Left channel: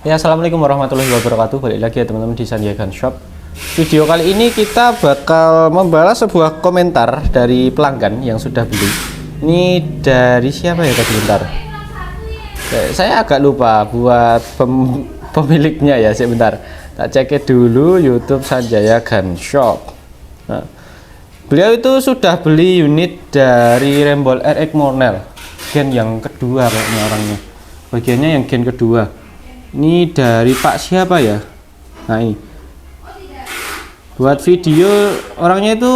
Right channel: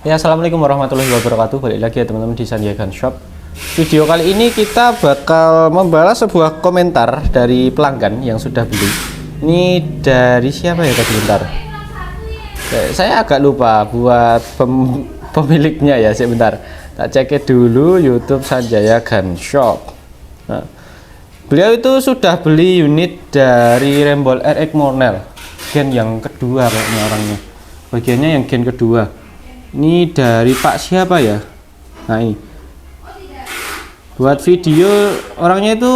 Ya, assalamualaikum warahmatullahi wabarakatuh. Balik lagi ya teman-teman di Sanjaya Gun Shop. Video kali ini kita bakal membalas sebuah komentar dari pelanggan yang sudah beli. Ini dari siapa ya tadi, bentar. Saya agak lupa buat pemiliknya ya, sebentar. Tak cek dulu YouTube Sanjaya Gun Shop. Nah, beliau itu sudah beli unit dari Rembol RX Monel gen yang kedua kayaknya orangnya. Bagiannya yang gen kedua. Ini dari Pak siapa ya? Nah, ini buat video orangnya itu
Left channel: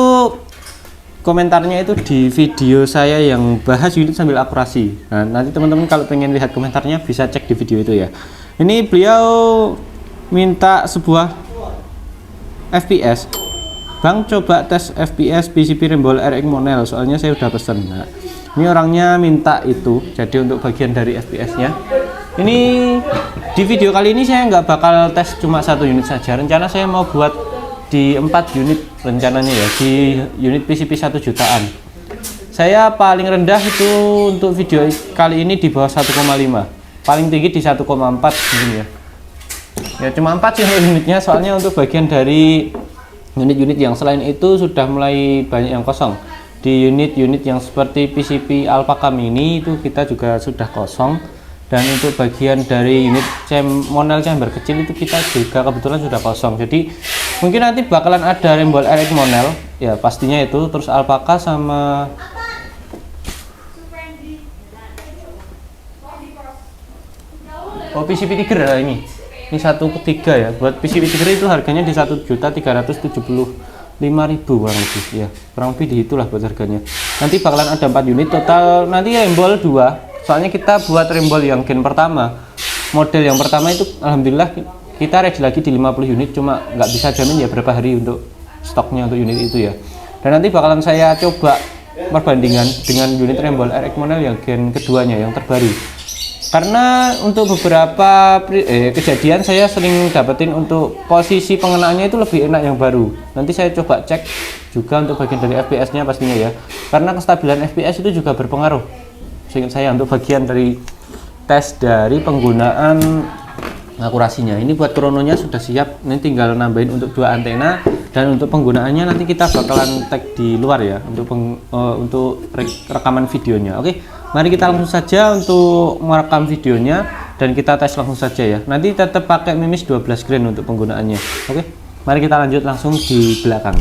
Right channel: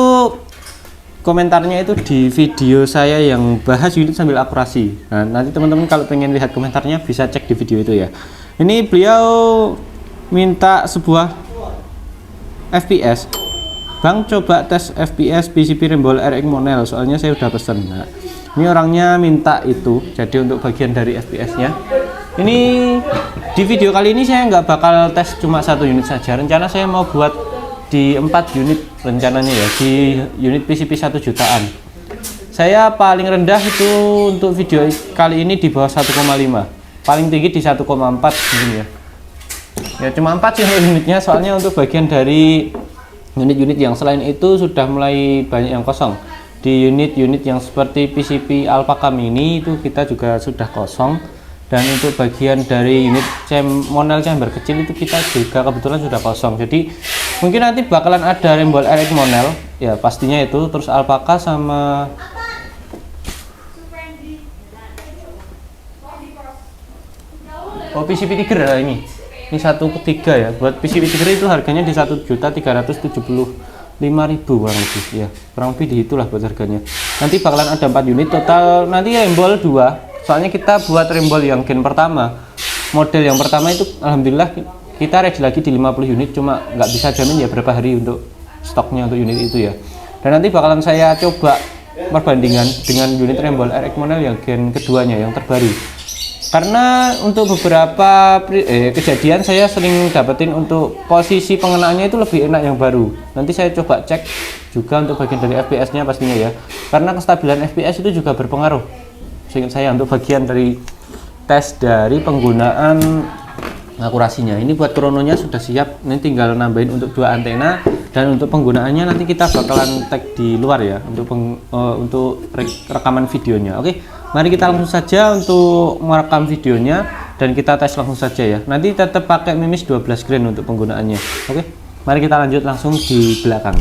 komentarnya itu di video saya yang bahas unit sambil akurasi. Nah, nanti teman-teman kalau pengen lihat komentarnya bisa cek di video itu ya. Ini beliau minta sebuah FPS. Bang, coba tes FPS PCB Rembol RX Monel, soalnya saya udah pesen. Nah, ini orangnya minta itu, jadi untuk bagian dari FPS nya ini di video kali ini saya nggak bakal tes cuma satu unit saja. Rencana saya mau buat di 4 unit rencananya ya, di unit PCB 1 jutaan. Saya paling rendah itu untuk video kali ini di bawah 1,5, paling tinggi di 1,4 mungkin ya. Ya cuma 4 sih unitnya, soalnya untuk bagian dari unit-unit yang selain itu sudah mulai banyak yang kosong. Di unit-unit yang seperti PCB Alpaka Mini itu kita juga sudah kosong. Dan untuk bagian dari unit Monel chamber kecil itu kita juga kebetulan sudah kosong. Jadi mungkin nanti bakalan ada Rembol RX Monel ya, pastinya itu, terus Alpaka sama PCB Tiger ya. Ini 1/3 ya. Buat PCB Tiger itu harganya di 1.375.000 kurang lebih ya, kurang lebih di itulah buat harganya. Nanti bakalan ada 4 unit total, nanti Rembol 2. Soalnya kita buat Rembol yang gen pertama, model yang pertama itu alhamdulillah kita ready lagi di 50 unit, cuma nggak bisa jamin ya berapa hari untuk stoknya untuk unit itu ya. Dan nanti bakalan saya coba perbandingan dengan unit Rembol RX Monel yang gen keduanya yang terbaru. Karena untuk beberapa kejadian saya sering dapetin untuk posisi pengenaannya itu lebih enak yang baru. Nanti saya coba cek juga untuk bagian dari FPS-nya pastinya ya. Karena kestabilan FPS itu juga berpengaruh. Seingat saya untuk bagian dari tes dari penggunaan akurasinya. Ini buat krononya sudah siap, ini tinggal nambahin untuk 2 antena, dan untuk penggunaannya nanti kita bakalan tag di luar ya untuk rekaman videonya. Oke, mari kita langsung saja untuk merekam videonya dan kita tes langsung saja ya. Nanti tetap pakai mimis 12 grain untuk penggunaannya. Oke, mari kita lanjut langsung di belakang.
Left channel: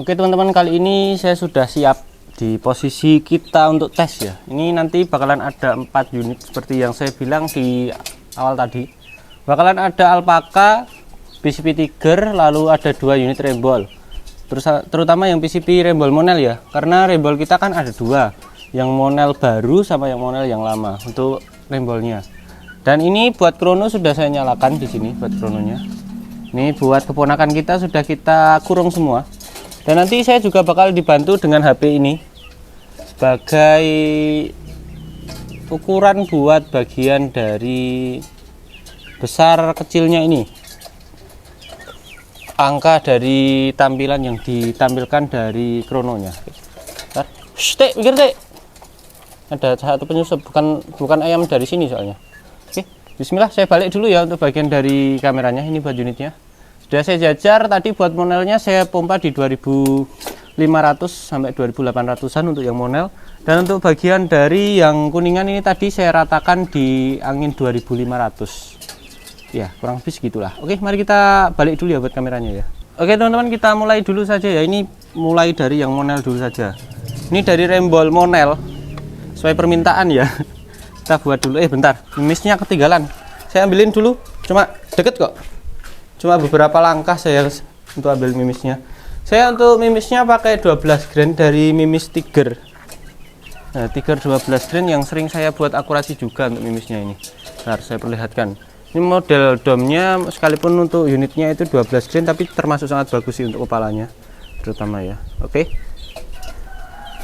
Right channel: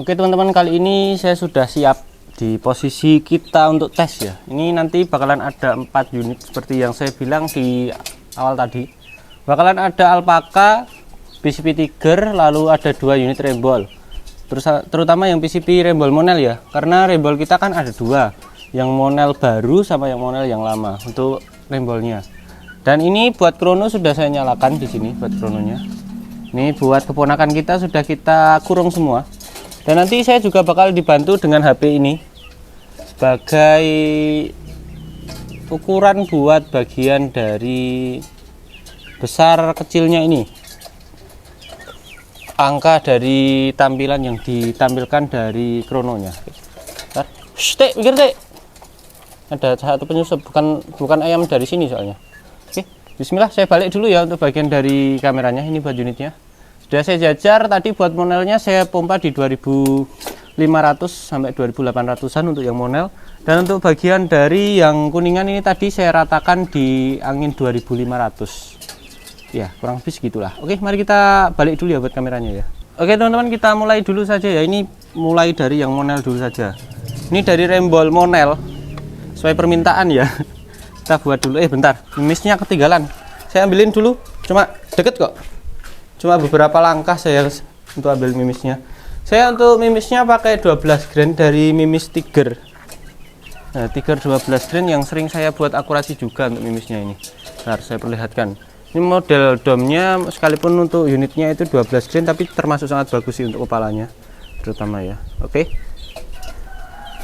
Oke teman-teman, kali ini saya sudah siap di posisi kita untuk tes ya. Ini nanti bakalan ada 4 unit seperti yang saya bilang di awal tadi. Bakalan ada Alpaka, PCB Tiger, lalu ada 2 unit Rembol. Terutama yang PCB Rembol Monel ya, karena Rembol kita kan ada 2, yang Monel baru sama yang Monel yang lama untuk Rembolnya. Dan ini buat krono sudah saya nyalakan di sini buat krononya. Ini buat keponakan kita sudah kita kurung semua. Dan nanti saya juga bakal dibantu dengan HP ini sebagai ukuran buat bagian dari besar kecilnya ini, angka dari tampilan yang ditampilkan dari krononya. Pikir deh, ada satu penyusup, bukan ayam dari sini soalnya. Oke, bismillah, saya balik dulu ya untuk bagian dari kameranya. Ini buat unitnya sudah saya jajar tadi. Buat Monelnya saya pompa di 2500 sampai 2800-an untuk yang Monel, dan untuk bagian dari yang kuningan ini tadi saya ratakan di angin 2500 ya, kurang lebih segitulah. Oke, mari kita balik dulu ya buat kameranya ya. Oke teman-teman, kita mulai dulu saja ya. Ini mulai dari yang Monel dulu saja. Ini dari Rembol Monel sesuai permintaan ya. Kita buat dulu, bentar, mimisnya ketinggalan. Saya ambilin dulu, cuma deket kok, cuma beberapa langkah saya untuk ambil mimisnya. Saya untuk mimisnya pakai 12 grain dari mimis Tiger. Nah, Tiger 12 grain yang sering saya buat akurasi juga untuk mimisnya ini. Bentar, saya perlihatkan. Ini model domnya sekalipun untuk unitnya itu 12 grain, tapi termasuk sangat bagus sih untuk kepalanya terutama ya. Oke.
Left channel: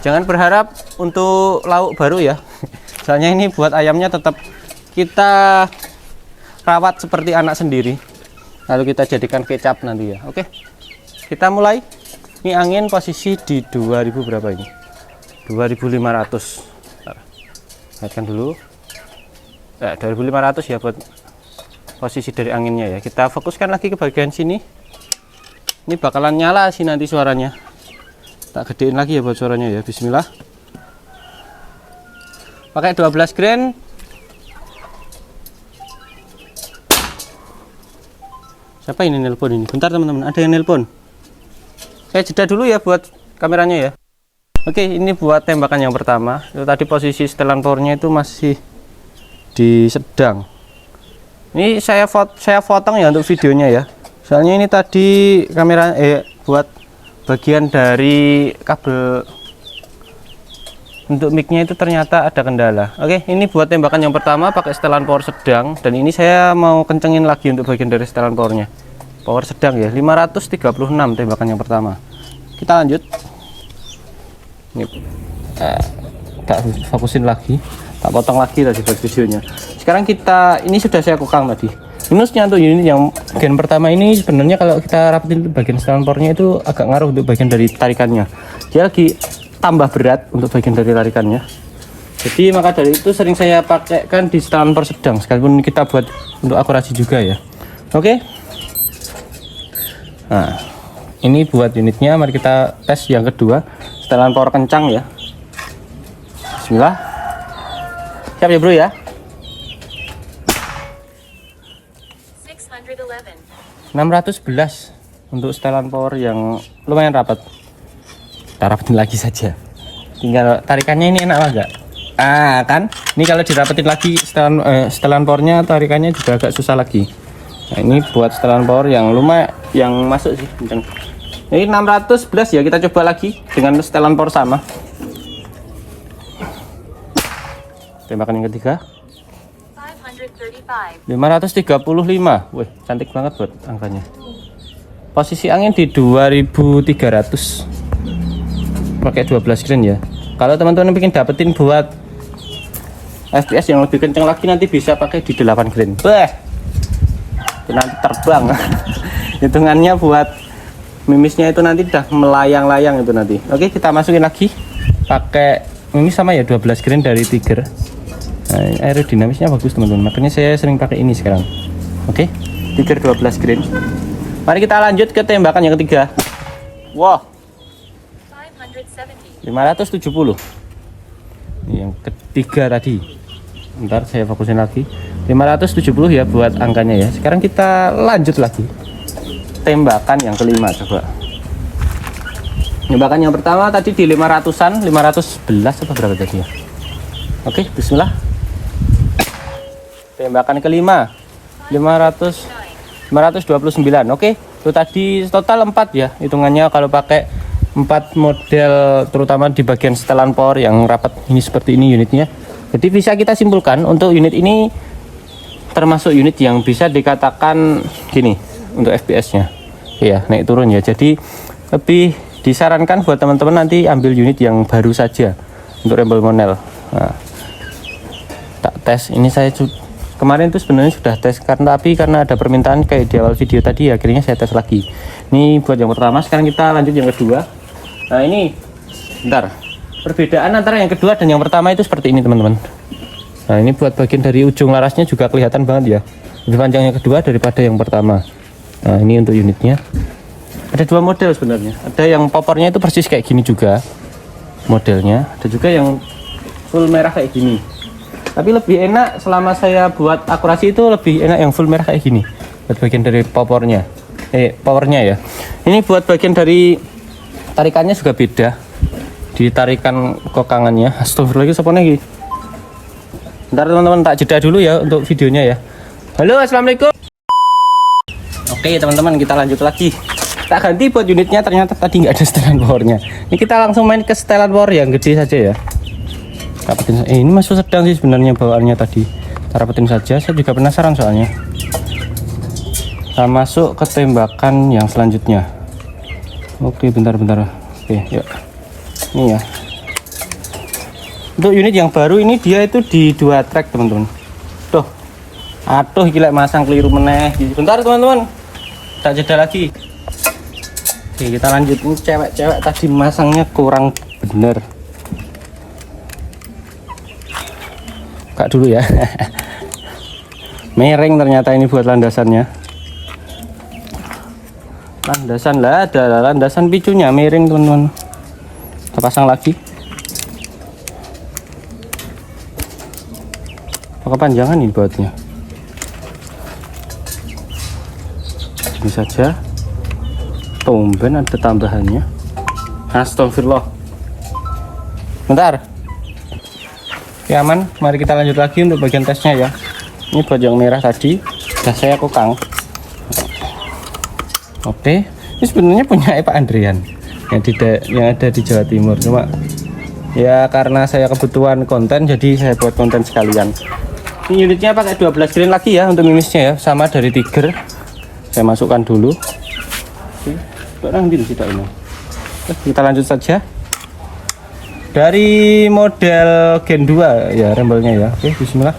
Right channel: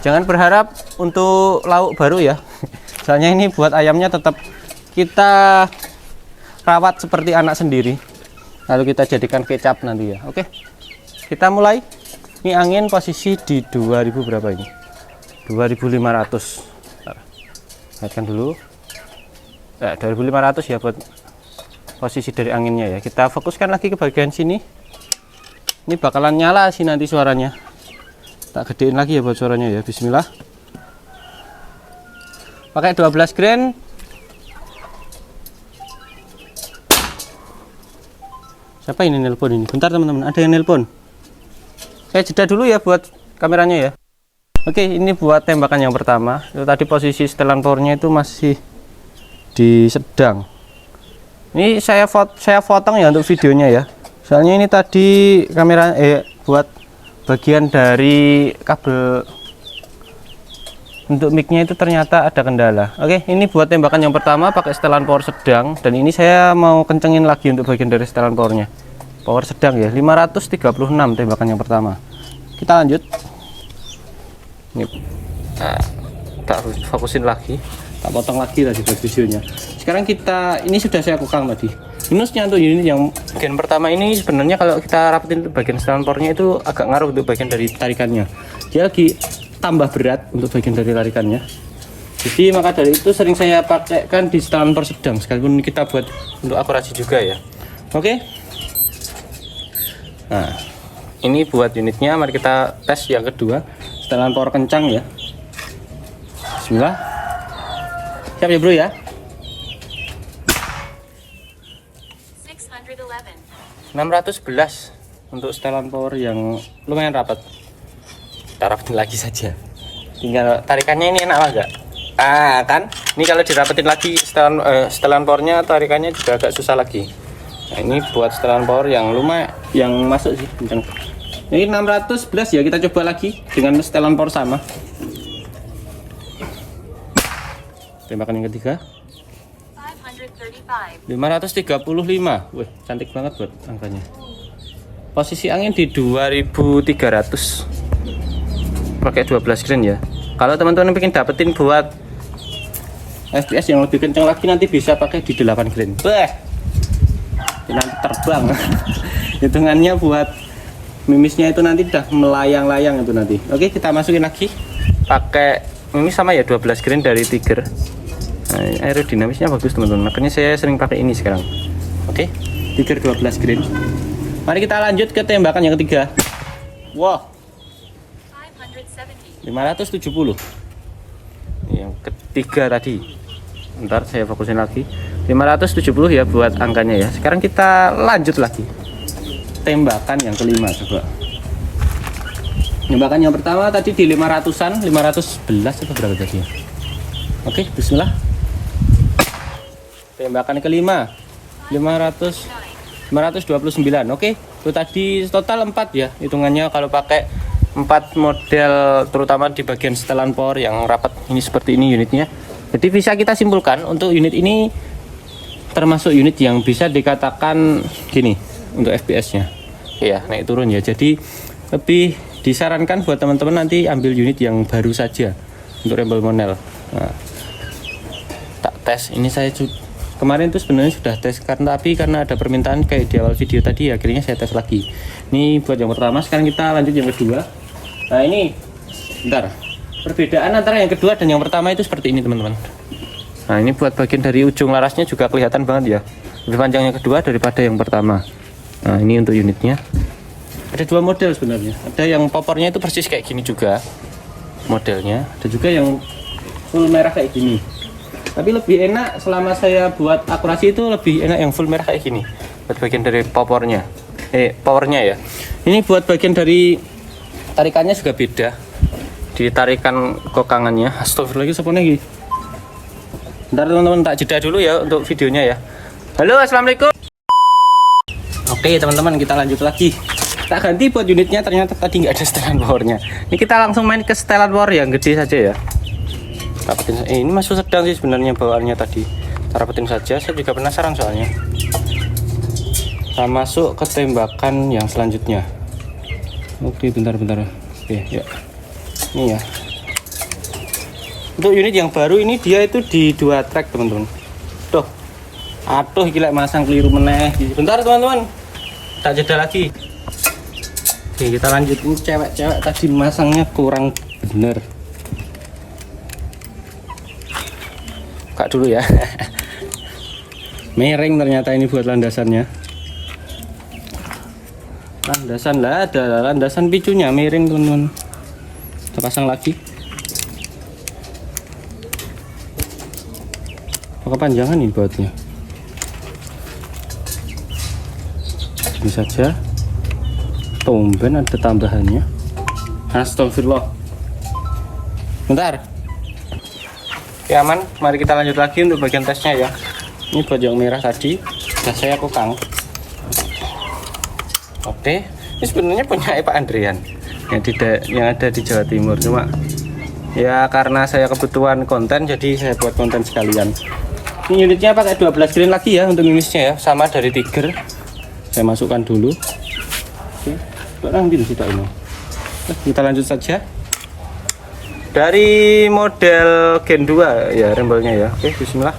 Jangan berharap untuk lauk baru ya. Soalnya ini buat ayamnya tetap kita rawat seperti anak sendiri. Lalu kita jadikan kecap nanti ya. Oke. Kita mulai. Ini angin posisi di 2000 berapa ini? 2500. Lihatkan dulu. 2500 ya buat posisi dari anginnya ya. Kita fokuskan lagi ke bagian sini. Ini bakalan nyala sih nanti suaranya. Tak gedein lagi ya buat suaranya ya. Bismillah. Pakai 12 grain. Siapa ini nelpon ini? Bentar teman-teman, ada yang nelpon. Saya jeda dulu ya buat kameranya ya. Oke, ini buat tembakan yang pertama. Itu tadi posisi setelan powernya itu masih di sedang. Ini saya potong ya untuk videonya ya. Soalnya ini tadi kamera buat bagian dari kabel untuk mic-nya itu ternyata ada kendala. Oke, ini buat tembakan yang pertama pakai setelan power sedang, dan ini saya mau kencengin lagi untuk bagian dari setelan powernya. Power sedang ya, 536 tembakan yang pertama. Kita lanjut. Ini tak fokusin lagi, tak potong lagi tadi buat videonya. Sekarang ini sudah saya kokang tadi. Minusnya untuk unit yang bagian pertama ini sebenarnya kalau kita rapetin bagian setelan powernya itu agak ngaruh untuk bagian dari tarikannya. Dia lagi tambah berat untuk bagian dari tarikannya. Jadi maka dari itu sering saya pakaikan di setelan power sedang, sekalipun kita buat untuk akurasi juga ya. Oke. Nah, ini buat unitnya. Mari kita tes yang kedua, setelan power kencang ya. Bismillah. Siap ya bro ya. 611 untuk setelan power yang lumayan rapat. Kita rapetin lagi saja. Tinggal tarikannya ini enak enggak? Kan ini kalau dirapetin lagi setelan powernya, tarikannya juga agak susah lagi. Nah, ini buat setelan power yang lumayan, yang masuk sih kencang. Ini 611 ya, kita coba lagi dengan setelan power sama. Tembakan yang ketiga 535. Wih, cantik banget buat angkanya. Posisi angin di 2300. Pakai 12 grain ya. Kalau teman-teman ingin dapetin buat FPS yang lebih kencang lagi, nanti bisa pakai di 8 grain. Bah, nanti terbang. Hitungannya buat mimisnya itu nanti udah melayang-layang itu nanti. Oke, kita masukin lagi. Pakai mimis sama ya, 12 grain dari Tiger. Nah, aerodinamisnya bagus teman-teman, makanya saya sering pakai ini sekarang. Oke, Tiger 12 grain. Mari kita lanjut ke tembakan yang ketiga. Wow, 570. Yang ketiga tadi. Ntar saya fokusin lagi. 570 ya buat angkanya ya. Sekarang kita lanjut lagi. Tembakan yang kelima coba. Tembakan yang pertama tadi di 500-an, 511 atau berapa tadi ya? Oke, bismillah. Tembakan kelima 529. Oke, itu tadi total 4 ya hitungannya kalau pakai 4 model, terutama di bagian setelan power yang rapat ini seperti ini unitnya. Jadi bisa kita simpulkan untuk unit ini termasuk unit yang bisa dikatakan gini untuk FPS nya ya, naik turun ya. Jadi lebih disarankan buat teman-teman nanti ambil unit yang baru saja untuk rebel monel. Nah, tak tes ini saya kemarin tuh sebenarnya sudah tes, karena ada permintaan kayak di awal video tadi, akhirnya saya tes lagi. Ini buat yang pertama. Sekarang kita lanjut yang kedua. Nah, ini bentar, perbedaan antara yang kedua dan yang pertama itu seperti ini teman-teman. Nah, ini buat bagian dari ujung larasnya juga kelihatan banget ya, lebih panjang yang kedua daripada yang pertama. Nah, ini untuk unitnya ada dua model sebenarnya. Ada yang popornya itu persis kayak gini juga modelnya, ada juga yang full merah kayak gini. Tapi lebih enak selama saya buat akurasi itu lebih enak yang full merah kayak gini buat bagian dari powernya ya. Ini buat bagian dari tarikannya juga beda, di tarikan kokangannya. Astagfirullahaladzim, sopo lagi. Ntar teman-teman tak jeda dulu ya untuk videonya ya. Halo, assalamualaikum. Oke teman-teman, kita lanjut lagi. Tak ganti buat unitnya, ternyata tadi nggak ada setelan powernya. Ini kita langsung main ke setelan power yang gede saja ya. Ini masuk sedang sih sebenarnya bawaannya tadi. Kita rapetin saja, saya juga penasaran soalnya. Kita masuk ke tembakan yang selanjutnya. Oke, bentar. Oke, yuk. Ini ya. Untuk unit yang baru ini dia itu di 2 track teman-teman. Tuh. Aduh, gila masang keliru meneh. Bentar teman-teman. Tak jeda lagi. Oke, kita lanjut. Ini cewek-cewek tadi masangnya kurang bener. Buka dulu ya. Miring ternyata ini buat landasannya. Landasan lah, ada landasan picunya miring teman-teman. Kita pasang lagi. Kepanjangan nih bautnya. Ini saja. Tumben ada tambahannya. Astagfirullah. Bentar. Ya aman, mari kita lanjut lagi untuk bagian tesnya ya. Ini buat yang merah tadi sudah saya kokang. Oke, ini sebenarnya punya Pak Andrian yang ada di Jawa Timur, cuma ya karena saya kebutuhan konten jadi saya buat konten sekalian. Ini unitnya pakai 12 grain lagi ya untuk mimisnya ya, sama dari Tiger. Saya masukkan dulu. Oke, nanti tidak ini. Kita lanjut saja. Dari model Gen 2 ya rembolnya ya. Oke, bismillah.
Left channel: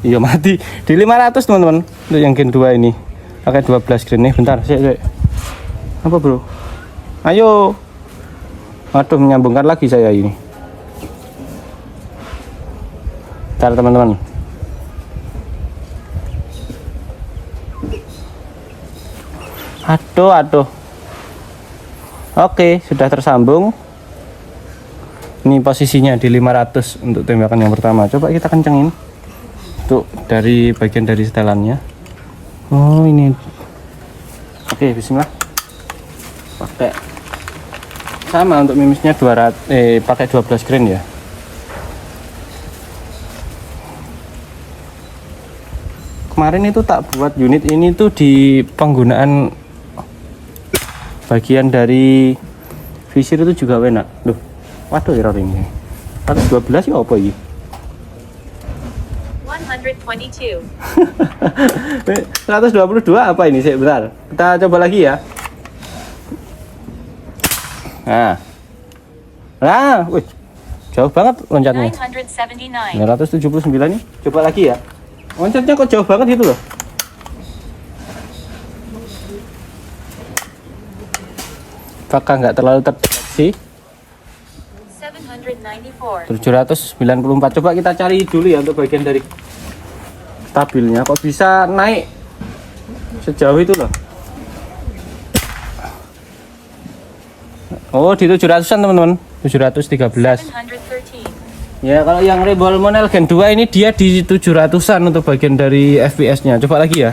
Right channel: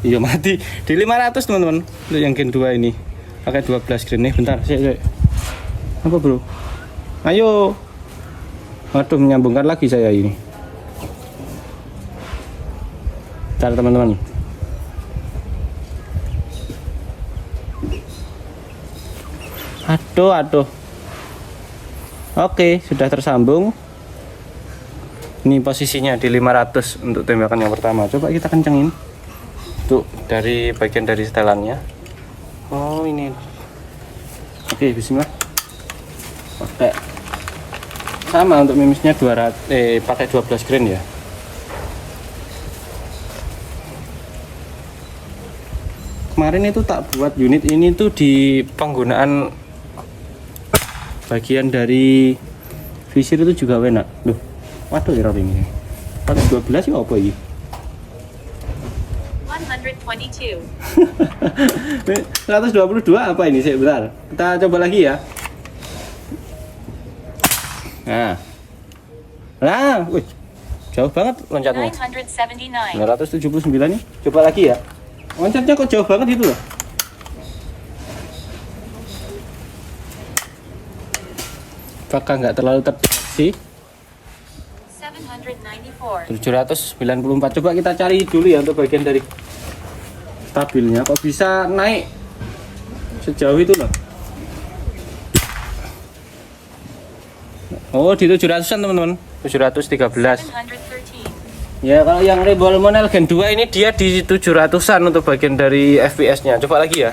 Iya mati di 500 teman-teman untuk yang Gen 2 ini pakai 12 grain nih. Bentar saya apa bro, ayo. Waduh, menyambungkan lagi saya ini. Bentar teman-teman. Aduh. Oke, sudah tersambung. Ini posisinya di 500 untuk tembakan yang pertama. Coba kita kencengin. Untuk dari bagian dari setelannya. Oh, ini. Oke, bismillah. Pakai sama untuk mimisnya 200 pakai 12 grain ya. Kemarin itu tak buat unit ini tuh di penggunaan bagian dari visir itu juga enak. Loh, waduh error ini. Pakai 12 ya apa ini? 122. 122 apa ini? Sebentar. Kita coba lagi ya. Nah, wih, jauh banget loncatnya. 979. 979 nih. Coba lagi ya. Loncatnya kok jauh banget gitu loh. Apakah nggak terlalu terdeteksi? 794. 794. Coba kita cari dulu ya untuk bagian dari stabilnya. Kok bisa naik sejauh itu loh? Oh, di 700-an teman-teman. 713. 713. Ya, kalau yang Rembol Monel Gen 2 ini dia di 700-an untuk bagian dari FPS-nya. Coba lagi ya.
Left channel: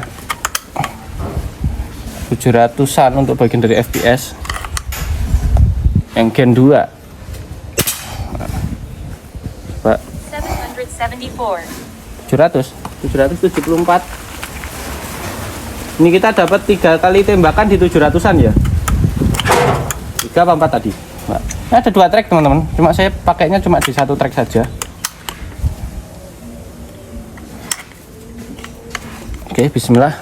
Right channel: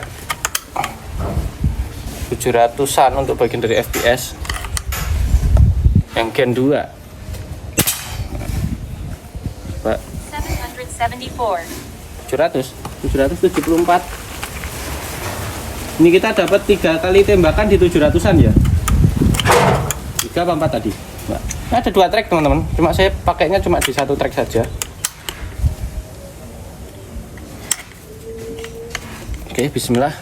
700-an untuk bagian dari FPS. Yang Gen 2. Pak. 774. 774. Ini kita dapat 3 kali tembakan di 700-an ya. 3 apa 4 tadi? Nah, ada 2 track teman-teman. Cuma saya pakainya cuma di 1 track saja. Oke, bismillah.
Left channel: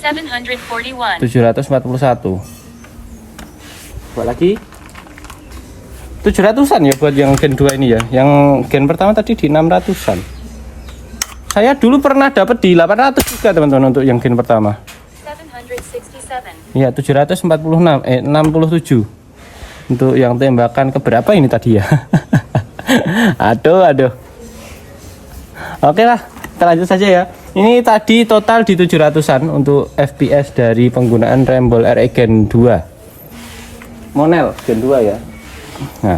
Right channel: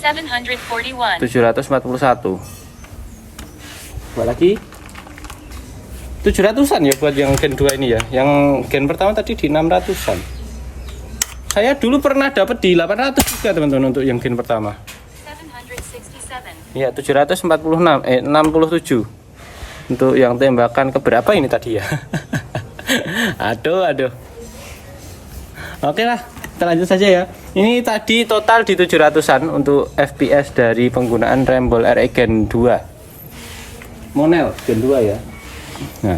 741. 741. Buat lagi. 700-an ya buat yang Gen 2 ini ya. Yang Gen pertama tadi di 600-an. Saya dulu pernah dapat di 800 juga teman-teman untuk yang Gen pertama. 767. Ya, 67 untuk yang tembakan keberapa ini tadi ya. aduh. Oke lah, kita lanjut saja ya. Ini tadi total di 700-an untuk FPS dari penggunaan Rembol RE Gen 2 Monel Gen 2 ya. Nah,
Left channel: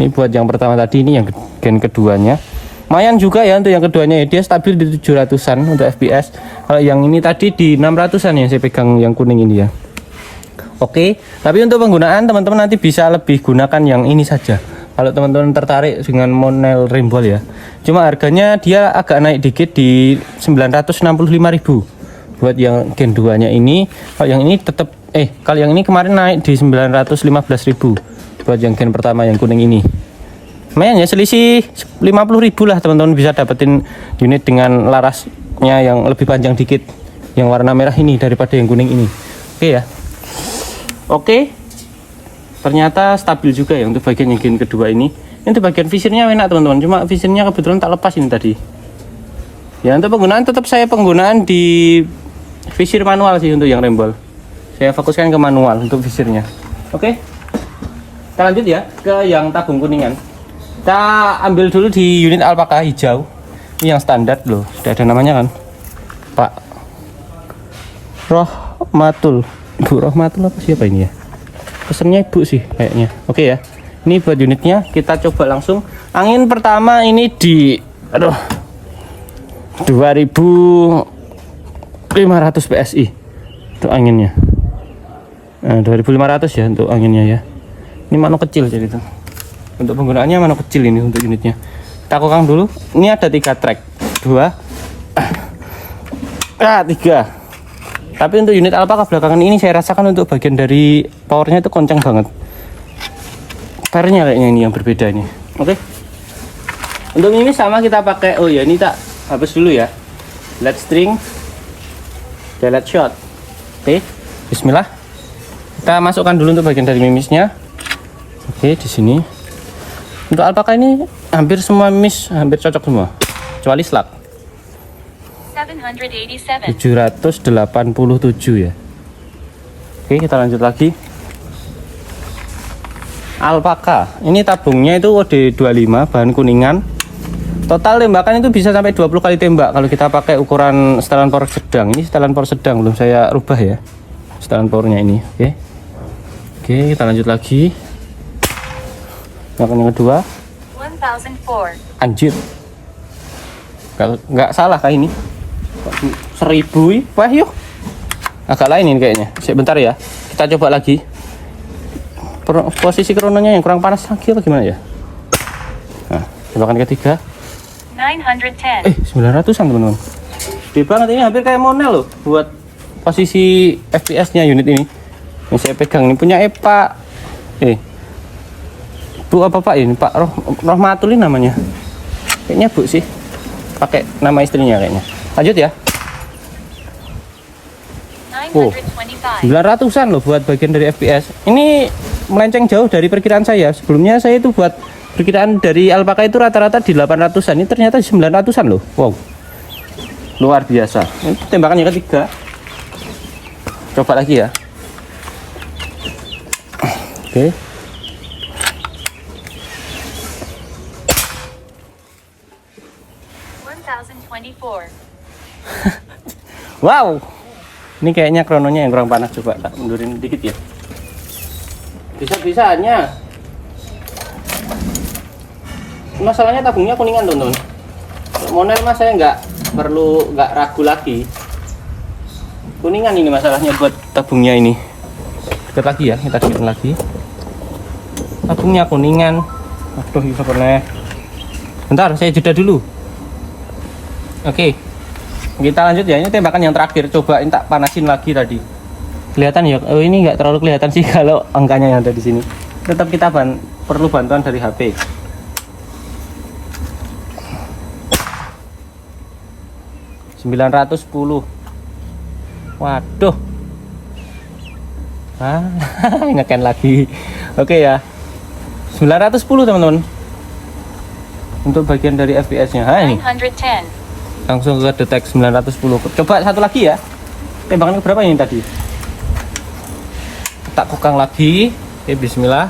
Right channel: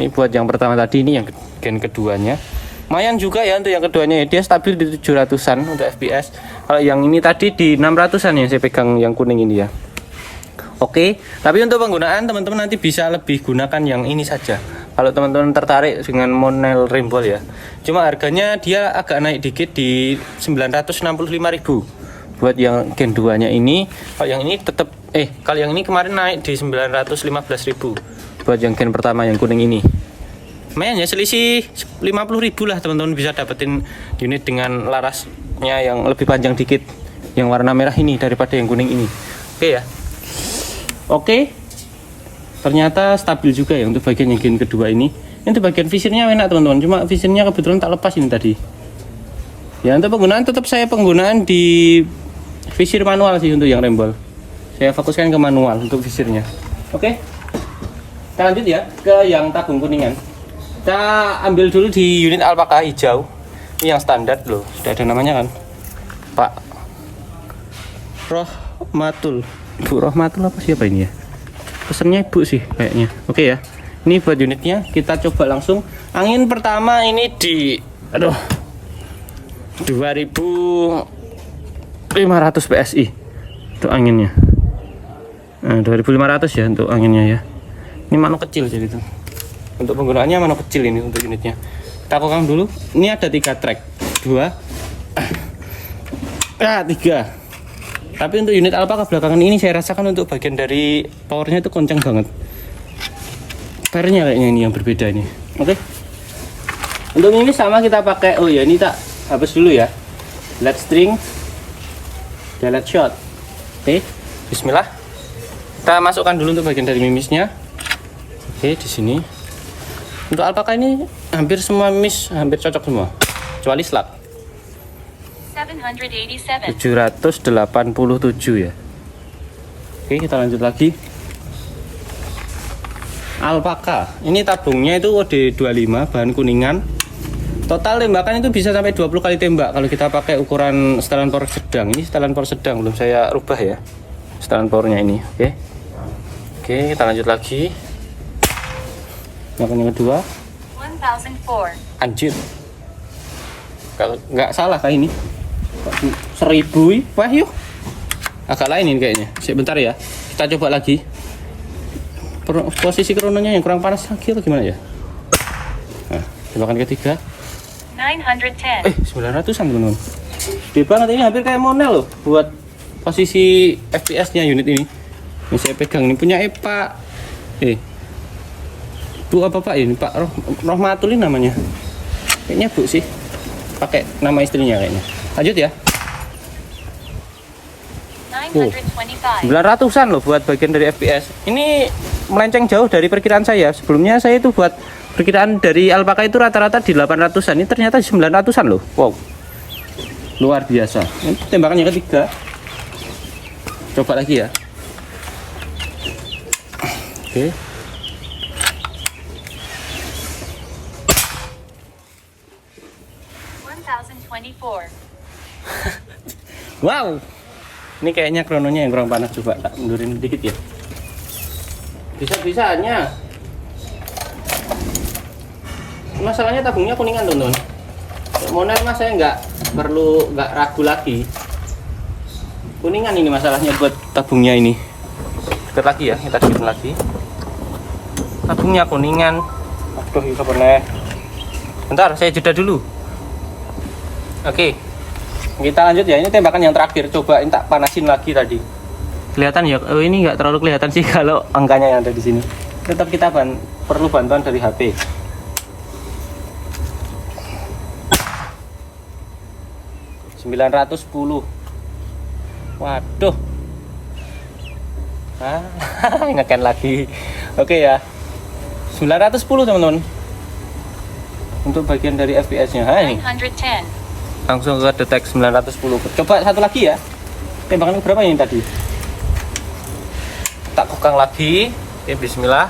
ini buat yang pertama tadi, ini yang Gen keduanya. Lumayan juga ya untuk yang keduanya ya, dia stabil di 700-an untuk FPS. Kalau yang ini tadi di 600-an yang saya pegang yang kuning ini ya. Oke, tapi untuk penggunaan teman-teman nanti bisa lebih gunakan yang ini saja. Kalau teman-teman tertarik dengan Monel Rembol ya. Cuma harganya dia agak naik dikit di 965.000 buat yang Gen 2-nya ini. Kalau yang ini tetap kalau yang ini kemarin naik di 915.000 buat yang Gen pertama yang kuning ini. Lumayan ya, selisih 50.000 lah teman-teman bisa dapetin unit dengan larasnya yang lebih panjang dikit, yang warna merah ini daripada yang kuning ini. Oke ya. Oke. Ternyata stabil juga ya untuk bagian yang Gen kedua ini. Ini bagian visirnya enak teman-teman, cuma visirnya kebetulan tak lepas ini tadi. Ya, untuk penggunaan tetap saya penggunaan di visir manual sih untuk yang Rembol. Saya fokuskan ke manual untuk visirnya. Oke. Kita lanjut ya ke yang tabung kuningan. Kita ambil dulu di unit alpaka hijau. Ini yang standar loh, sudah ada namanya kan, Pak Rohmatul. Bu Rohmatul apa siapa ini ya? Pesennya ibu sih kayaknya. Oke ya. Ini buat unitnya, kita coba langsung. Angin pertama ini di 2500 PSI untuk anginnya. Nah, 2500 ya untuk anginnya ya. Ini mano kecil jadi itu. Untuk penggunaannya mano kecil ini untuk unitnya. Kita kokang dulu. Ini ada 3 track, 2, 3. Tapi untuk unit alpaka belakangan ini saya rasakan untuk bagian dari powernya itu kencang banget. Pernya kayaknya ini yang berbeda ini. Oke. Untuk ini sama kita pakai. Oh ya, ini tak hapus dulu ya. LED string, delete shot. Oke. Bismillah. Kita masukkan dulu untuk bagian dari mimisnya. Oke, di sini. Untuk alpaka ini hampir semua mimis hampir cocok semua. Kecuali slug. 787. 787 ya. Oke, kita lanjut lagi. Alpaka. Ini tabungnya itu kode 25, bahan kuningan. Total tembakan itu bisa sampai 20 kali tembak kalau kita pakai ukuran setelan power sedang. Ini setelan power sedang, belum saya rubah ya. Setelan powernya ini. Oke. Oke, kita lanjut lagi. Yang kedua. 1004. Anjir. Kalau nggak salah kayak ini. 1000. Wah, yuk. Agak lain ini kayaknya. Sebentar ya. Kita coba lagi. Posisi krononya yang kurang panas lagi apa gimana ya? Nah, tembakan ketiga. 910. 900-an teman-teman. Gede banget ini, hampir kayak Monel loh buat posisi FPS-nya unit ini. Yang saya pegang ini punya Pak. Bu apa Pak ini? Pak Rohmatul namanya. Kayaknya Bu sih. Pakai nama istrinya kayaknya. Lanjut ya. 925. 900-an loh buat bagian dari FPS. Ini melenceng jauh dari perkiraan saya. Sebelumnya saya itu buat perkiraan dari alpaka itu rata-rata di 800-an. Ini ternyata 900-an loh. Wow. Luar biasa. Ini tembakan yang ketiga. Coba lagi ya. Oke. Wow. Ini kayaknya krononya yang kurang panas, coba tak mundurin dikit ya. Bisa-bisanya. Masalahnya tabungnya kuningan teman-teman. Monel mas saya nggak ragu lagi. Kuningan ini masalahnya buat tabungnya ini. Dekat lagi ya, kita dekat lagi. Tabungnya kuningan. Aduh, itu boleh. Bentar, saya jeda dulu. Oke. Kita lanjut ya, ini tembakan yang terakhir. Coba tak panasin lagi tadi. Kelihatan ya? Oh, ini nggak terlalu kelihatan sih kalau angkanya yang ada di sini. Tetap kita perlu bantuan dari HP. $910. Waduh. Ngeken lagi. Oke ya. 910 teman-teman. Untuk bagian dari FPS-nya. Ini. 910. Langsung ke detek 910. Coba satu lagi ya. Tembakan berapa ini tadi? Tak kokang lagi. Oke, bismillah.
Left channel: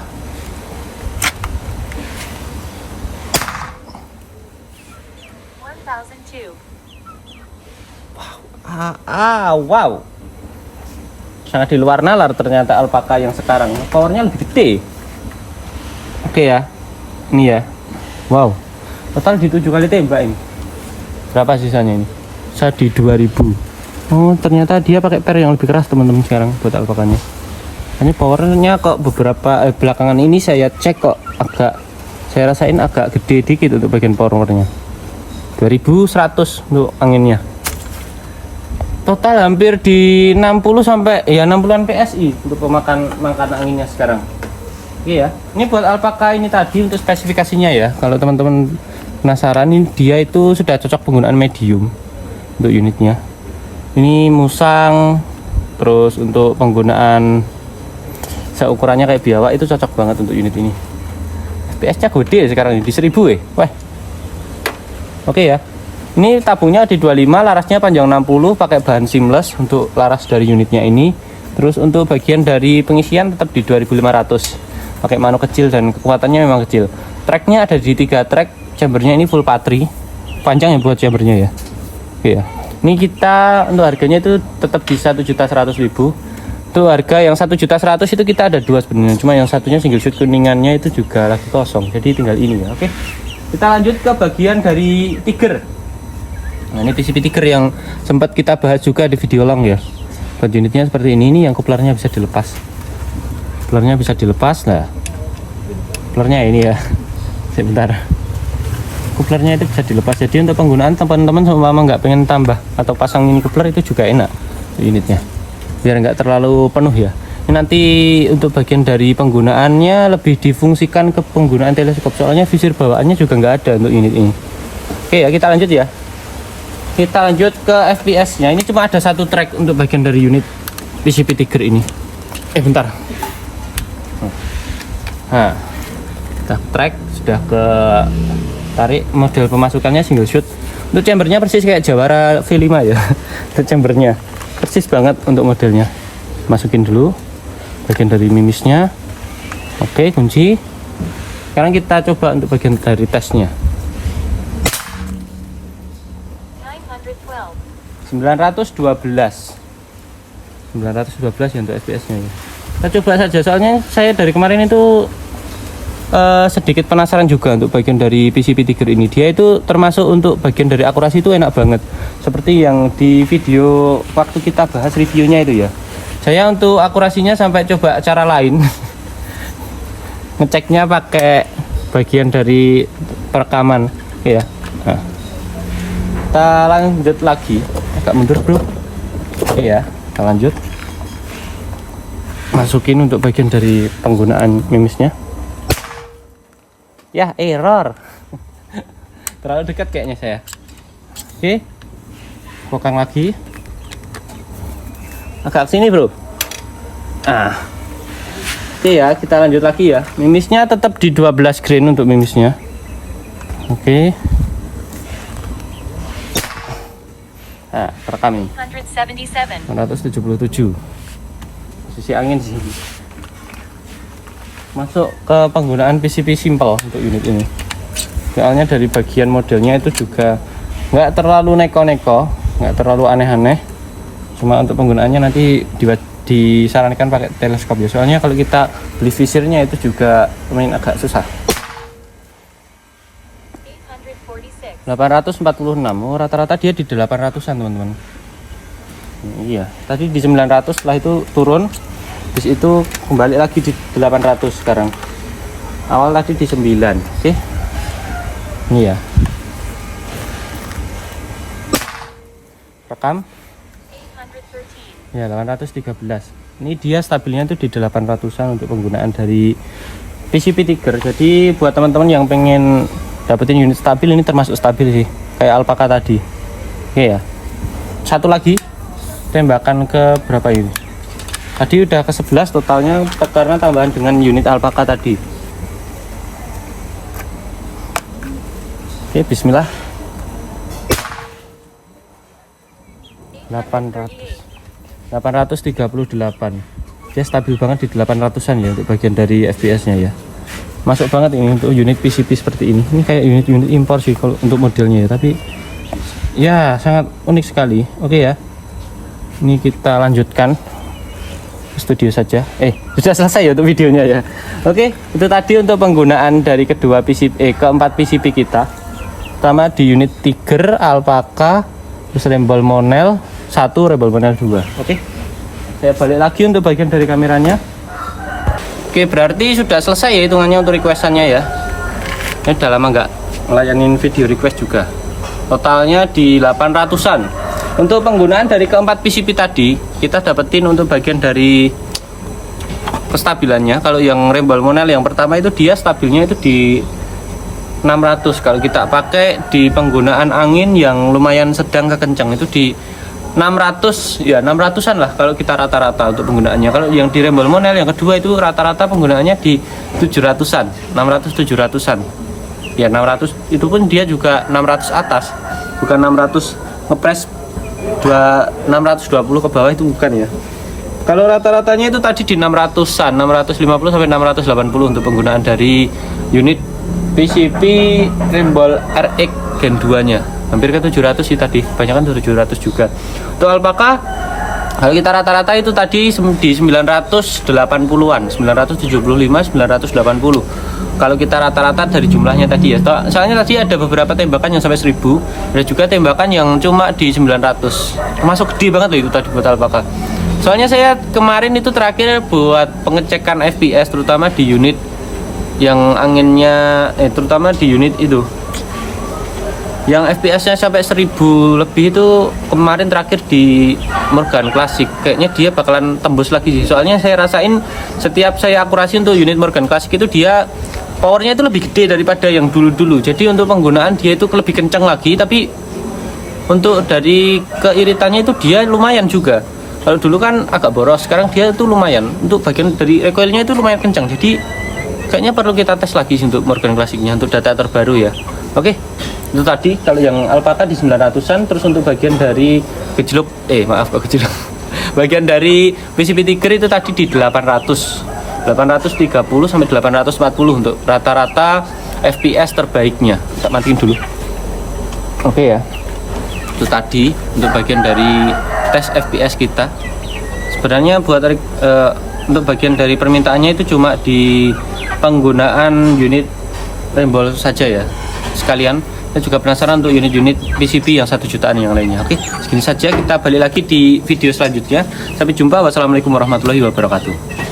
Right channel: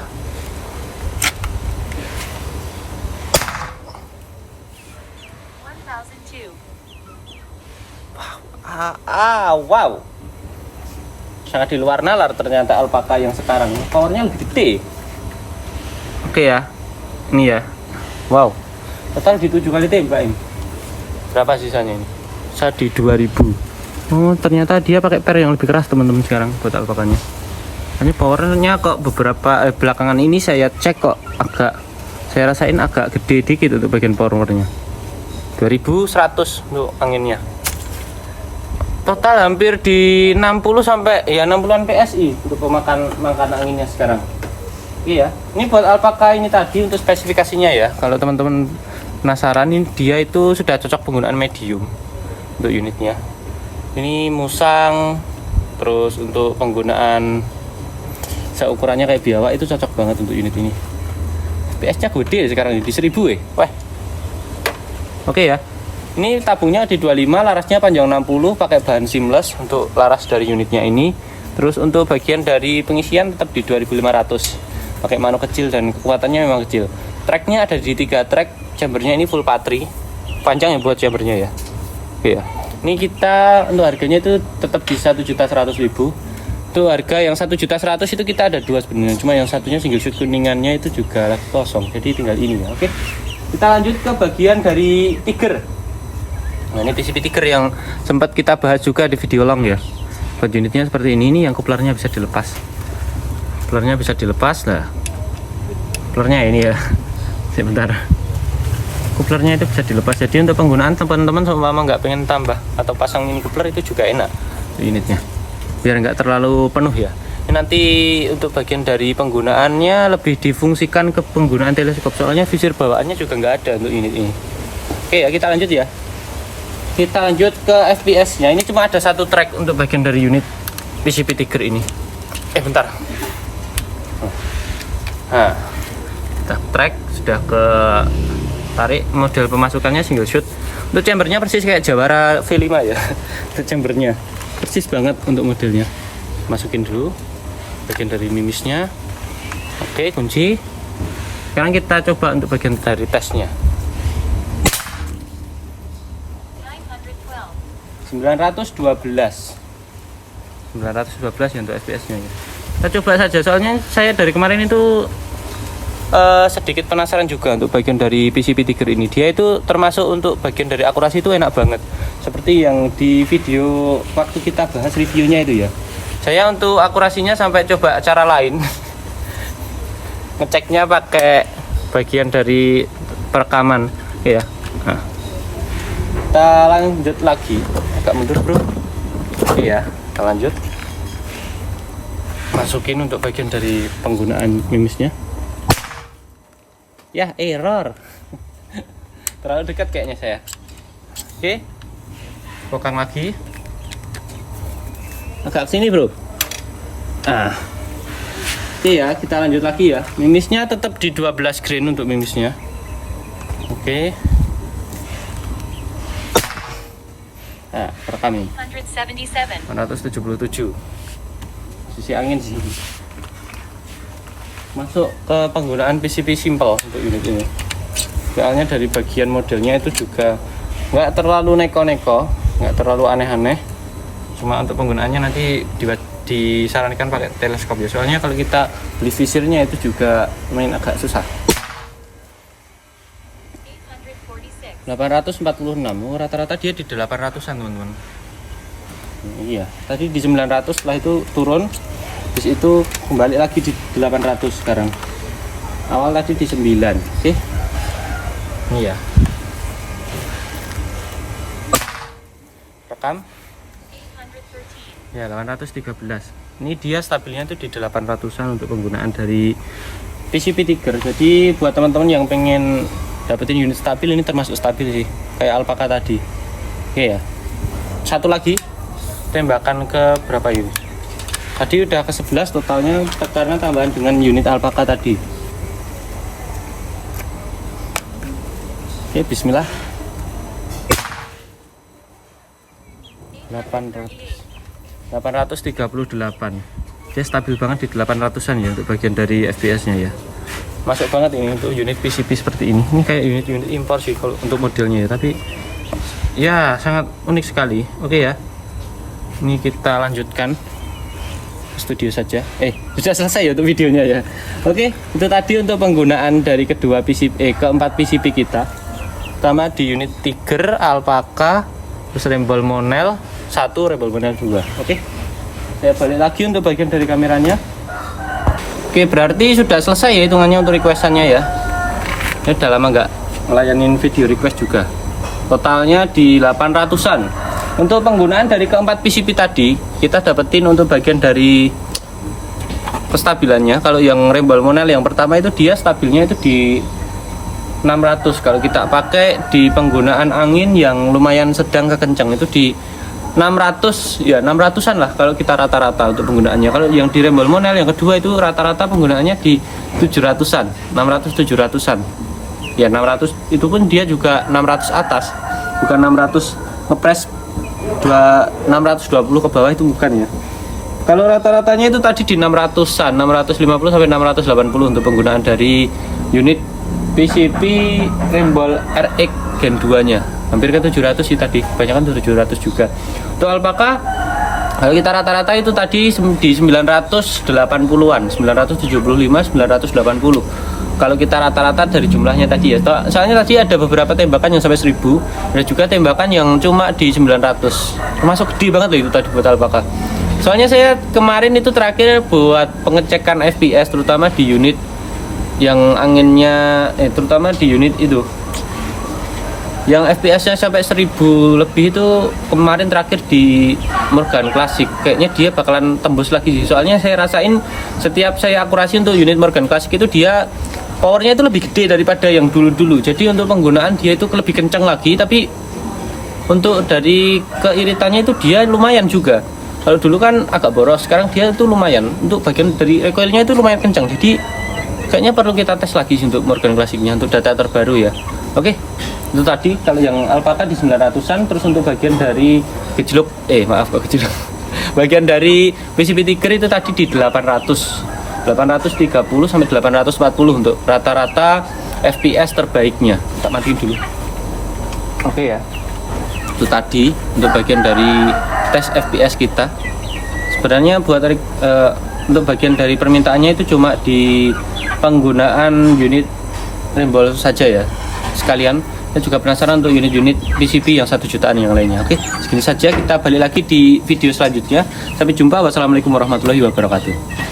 Wow. Sangat di luar nalar ternyata alpaka yang sekarang. Powernya lebih gede. Oke ya. Ini ya. Wow. Total di 7 kali tembak ini. Berapa sisanya ini? Saya di 2000. Oh, ternyata dia pakai per yang lebih keras teman-teman sekarang buat alpakanya. Ini powernya kok beberapa belakangan ini saya cek kok saya rasain agak gede dikit untuk bagian powernya. 2100 untuk anginnya. Total hampir di 60 sampai ya 60-an PSI untuk pemakan anginnya sekarang. Oke ya. Ini buat alpaka ini tadi untuk spesifikasinya ya. Kalau teman-teman penasaran, ini dia itu sudah cocok penggunaan medium untuk unitnya. Ini musang, terus untuk penggunaan seukurannya kayak biawak itu cocok banget untuk unit ini. FPS-nya gede ya sekarang ini di 1000 ya. Wah. Oke ya. Ini tabungnya di 25, larasnya panjang 60, pakai bahan seamless untuk laras dari unitnya ini. Terus untuk bagian dari pengisian tetap di 2500. pakai mano kecil dan kekuatannya memang kecil. Tracknya ada di 3 track, chambernya ini full patri, panjang ya buat chambernya ya. Oke ya. Ini kita untuk harganya itu tetap di 1.100.000. Itu harga yang 1.100.000 itu kita ada 2 sebenarnya, cuma yang satunya single shoot kuningannya itu juga lagi kosong, jadi tinggal ini ya. Oke, kita lanjut ke bagian dari tiger. Nah, ini PCP tiger yang sempat kita bahas juga di video long ya. Buat unitnya seperti ini yang kuplernya bisa dilepas. Kuplernya bisa dilepas. Nah, kuplernya ini ya. Sebentar. Kuplernya itu bisa dilepas. Jadi untuk penggunaan teman-teman seumpama nggak pengen tambah atau pasang mini kupler itu juga enak unitnya. Biar nggak terlalu penuh ya. Ini nanti untuk bagian dari penggunaannya lebih difungsikan ke penggunaan teleskop. Soalnya visir bawaannya juga nggak ada untuk unit ini. Oke ya, kita lanjut ya. Kita lanjut ke FPS-nya. Ini cuma ada 1 track untuk bagian dari unit PCP Tiger ini. Bentar. Nah, kita track sudah ke tarik. Model pemasukannya single shoot. Untuk chambernya persis kayak Jawara V5 ya. Untuk chambernya persis banget untuk modelnya. Masukin dulu bagian dari mimisnya. Oke, kunci. Sekarang kita coba untuk bagian dari tesnya. 912 ya untuk FPS nya. Kita coba saja, soalnya saya dari kemarin itu sedikit penasaran juga untuk bagian dari PCP Tiger ini. Dia itu termasuk untuk bagian dari akurasi itu enak banget, seperti yang di video waktu kita bahas reviewnya itu ya. Saya untuk akurasinya sampai coba cara lain. Ngeceknya pakai bagian dari perekaman ya. Nah, kita lanjut lagi. Agak mundur bro. Iya, kita lanjut. Masukin untuk bagian dari penggunaan mimisnya. Ya, error. Terlalu dekat kayaknya saya. Oke. Kokang lagi. Agak sini, bro. Ah. Oke ya, kita lanjut lagi ya. Mimisnya tetap di 12 grain untuk mimisnya. Oke. Nah, terekam ini. 177. Posisi angin sih. Masuk ke penggunaan PCP simple untuk unit ini. Soalnya dari bagian modelnya itu juga nggak terlalu neko-neko, nggak terlalu aneh-aneh. Cuma untuk penggunaannya nanti disarankan pakai teleskop ya. Soalnya kalau kita beli visirnya itu juga lumayan agak susah. 846. Oh, rata-rata dia di 800-an teman-teman. Iya, tadi di 900, setelah itu turun. Terus itu kembali lagi di 800 sekarang. Awal tadi di 9. Oke. Iya. Rekam. Ya, 813. Ini dia stabilnya itu di 800-an untuk penggunaan dari PCP Tiger. Jadi buat teman-teman yang pengen dapetin unit stabil, ini termasuk stabil sih, kayak Alpaka tadi. Oke ya. Satu lagi, tembakan ke berapa unit? Tadi udah ke 11 totalnya karena tambahan dengan unit Alpaka tadi. Oke, bismillah. 838. Dia stabil banget di 800-an ya untuk bagian dari FPS-nya ya. Masuk banget ini untuk unit PCP seperti ini. Ini kayak unit-unit impor sih kalau untuk modelnya ya, tapi ya sangat unik sekali. Oke ya. Ini kita lanjutkan studio saja. Sudah selesai ya untuk videonya ya. Oke, itu tadi untuk penggunaan dari kedua PCP keempat PCP kita. Pertama di unit Tiger, Alpaka, terus Rembol Monel 1, Rembol Monel 2. Oke. Saya balik lagi untuk bagian dari kameranya. Oke, berarti sudah selesai ya hitungannya untuk requestannya ya. Ini udah lama nggak ngelayanin video request juga. Totalnya di 800-an. Untuk penggunaan dari keempat PCP tadi, kita dapetin untuk bagian dari kestabilannya. Kalau yang Rembol Monel yang pertama itu dia stabilnya itu di 600. Kalau kita pakai di penggunaan angin yang lumayan sedang ke kencang itu di 600 ya, 600-an lah kalau kita rata-rata untuk penggunaannya. Kalau yang di Rembol Monel yang kedua itu rata-rata penggunaannya di 700-an, 600 700-an. Ya 600 itu pun dia juga 600 atas, bukan 600 ngepres 620 ke bawah, itu bukan ya. Kalau rata-ratanya itu tadi di 600-an, 650 sampai 680 untuk penggunaan dari unit PCP Rembol RX Gen 2-nya. Hampir ke 700 sih tadi, kebanyakan 700 juga. Untuk alpaka, kalau kita rata-rata itu tadi di 980-an, 975, 980. Kalau kita rata-rata dari jumlahnya tadi ya. Soalnya tadi ada beberapa tembakan yang sampai 1000, ada juga tembakan yang cuma di 900. Termasuk gede banget loh itu tadi buat alpaka. Soalnya saya kemarin itu terakhir buat pengecekan FPS terutama di unit yang anginnya terutama di unit itu yang FPS-nya sampai 1000 lebih itu kemarin terakhir di Morgan Classic. Kayaknya dia bakalan tembus lagi sih. Soalnya saya rasain setiap saya akurasi untuk unit Morgan Classic itu dia powernya itu lebih gede daripada yang dulu-dulu. Jadi untuk penggunaan dia itu lebih kencang lagi, tapi untuk dari keiritannya itu dia lumayan juga. Kalau dulu kan agak boros, sekarang dia itu lumayan. Untuk bagian dari recoilnya itu lumayan kencang. Jadi kayaknya perlu kita tes lagi sih untuk Morgan Classic-nya untuk data terbaru ya. Oke, itu tadi kalau yang alpaka di 900-an. Terus untuk bagian dari gejlok, bagian dari PCP Tiger itu tadi di 830 sampai 840 untuk rata-rata FPS terbaiknya. Tak matiin dulu. Oke ya. Itu tadi untuk bagian dari tes FPS kita. Sebenarnya buat untuk bagian dari permintaannya itu cuma di penggunaan unit Rembol saja ya. Sekalian saya juga penasaran untuk unit-unit PCP yang 1 jutaan yang lainnya. Oke, segini saja, kita balik lagi di video selanjutnya. Sampai jumpa. Wassalamualaikum warahmatullahi wabarakatuh.